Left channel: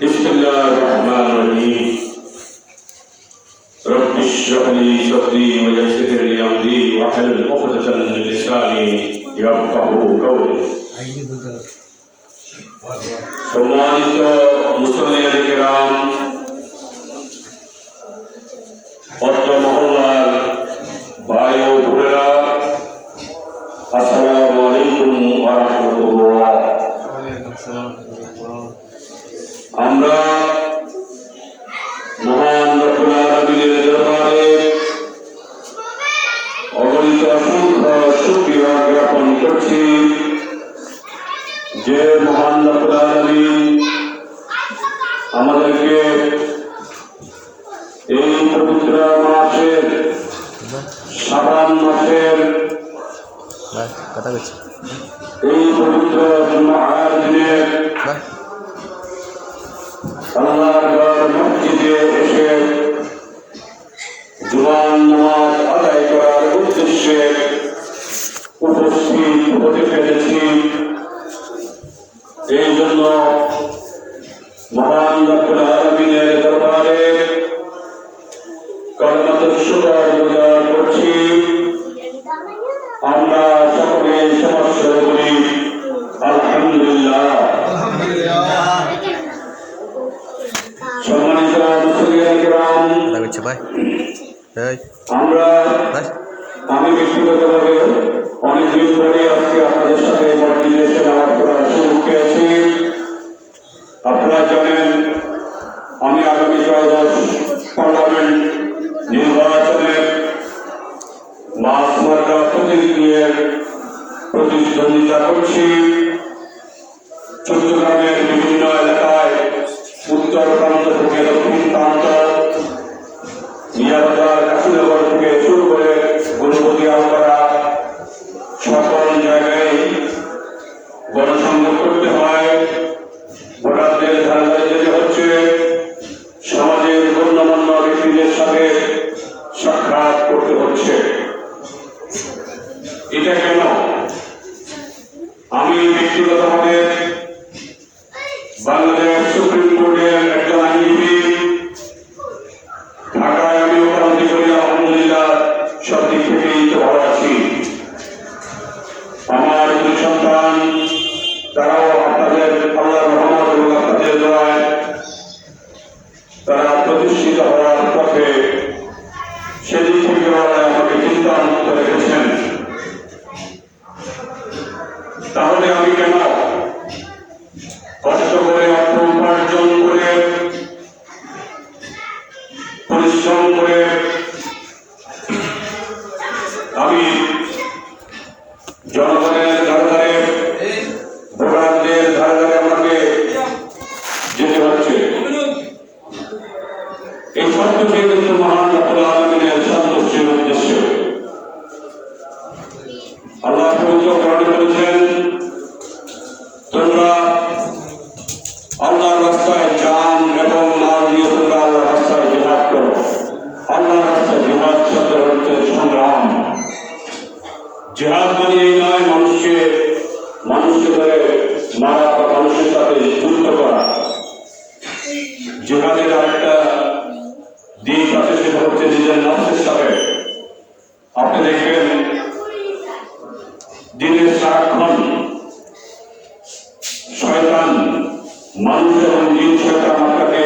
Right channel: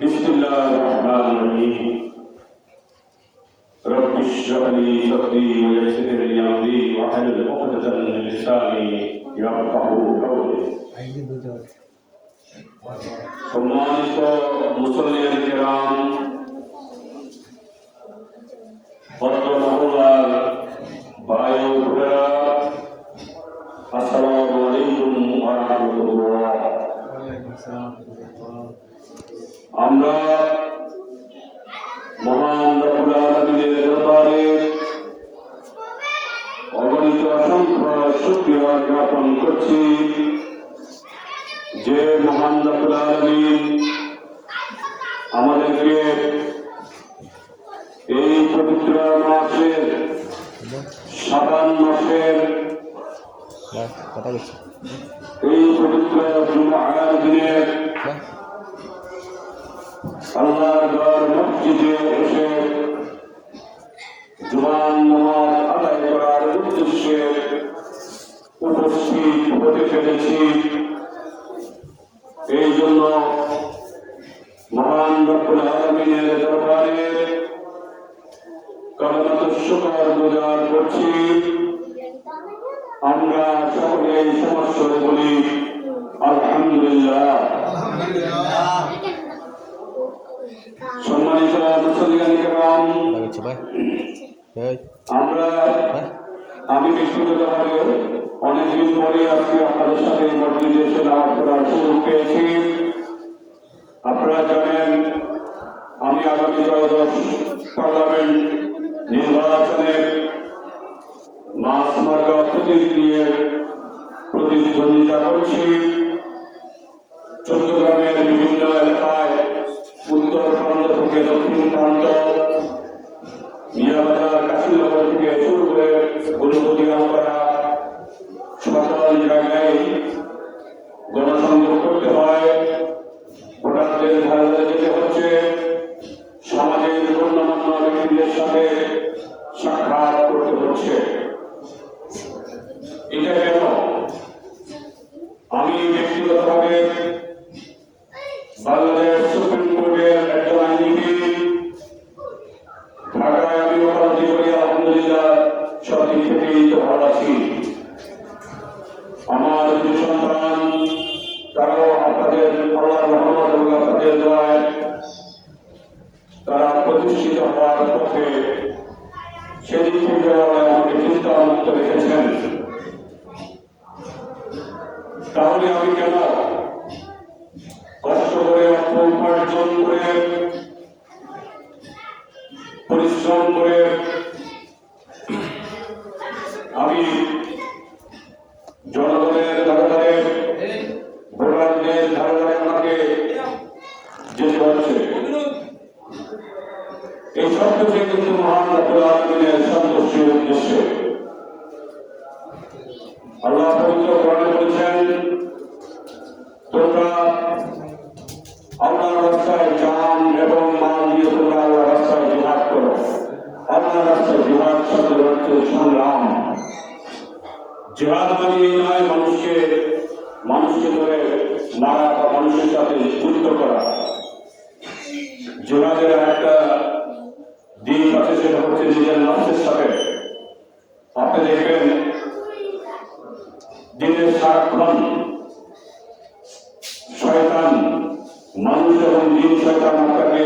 बिस्मिल्लाहिर्रहमानिर्रहीम। रब्बि इश्रह ली सदरी व यस्सिर ली अमरी वहलुल उक़दतम मिन लिसानी यफ़क़हू कौली। सम्मानित मुसल्लियान किराम, অত্র মহল্লার ভাই ও বোনেরা, আসসালামু আলাইকুম ওয়া রাহমাতুল্লাহ। আমরা মহান রব্বুল আলামিনের দরবারে অগণিত অসংখ্য শুকরিয়া জ্ঞাপন করছি যে মহান রব্বুল আলামিন আমাদেরকে এই পবিত্র মাসের শাবান মাসের এই পবিত্র জুমার দিনে আল্লাহর ঘর মসজিদে এসে জুমার নামাজ আদায় করার উদ্দেশ্যে উপস্থিত হতে পেরেছি। এই জন্য মহান রব্বুল আলামিনের দরবারে শুকর গুজার করছি। আমরা সকলে সমস্ত বলি আলহামদুলিল্লাহ। সম্মানিত মুসলিয়ান কিরাম, আমি ব্যক্তিগতভাবে অনেকদিন পরে আজকে আপনাদের সাথে মসজিদে এসে নামাজ পড়ার সুযোগ পেয়েছি। আপনারা জানেন আমি আগামী ত্রয়োদশ পার্লামেন্ট নির্বাচনের মাসমার্কা প্রতীক নিয়ে প্রতিদ্বন্দ্বিতা করছি। চট্টগ্রামের বিভিন্ন এলাকায় উত্তর প্রান্ত থেকে দক্ষিণ প্রান্ত, মিয়াবাজার, কাশীনগর থেকে শুরু করে গণপতি আমপাড়া সকল জায়গায় গণসংযোগ করতে হয়। ভোটারদের ধারে যেতে হচ্ছে, সমাজের গণ্যমান্য ব্যক্তিদের সাথে সাক্ষাৎ করতে হচ্ছে। এটা কেন? আমি ব্যক্তিগতভাবে বাংলাদেশ সুপ্রিম কোর্টের একজন আইনজীবী, ঢাকায় আমি উপলব্ধি করি আলহামদুলিল্লাহ সব দিক থেকেই তো ভালো আছি। আমার দুই সন্তান, তারাও আপনাদের আল্লাহর রহমত এবং আপনাদের দোয়ায় তারা প্রতিষ্ঠিত হওয়ার পথে সেদিক থেকে আমাকে চিন্তামুক্ত রেখেছেন। তাহলে আমি কেন কষ্ট করে অর্থ উপার্জন করে পরিশ্রম করে আমি জনগণের ধারে ভোটারদের ধারে আমাকে যেতে হচ্ছে? এই সব কিছু কিন্তু মহান রব্বুল আলামিনের সন্তুষ্টির উদ্দেশ্য। আল্লাহ পবিত্র কোরআনে বলেছেন, তোমরা আল্লাহর রাস্তায় জান এবং মাল দিয়ে তোমরা আল্লাহর রাস্তায় জিহাদ করো। আল্লাহর রাস্তায় জিহাদ শব্দের অর্থ সংগ্রাম। জিহাদ মানে এই নয় মানুষকে ধরে মারা বা মানুষের সাথে যুদ্ধ করা। জিহাদের আরেকটা দিক আছে, সেটা হচ্ছে নিজের নফসের সাথে। আপনি দেখবেন দিনের সারাক্ষণ শয়তান, মানুষ এবং জিন শয়তান আপনাকে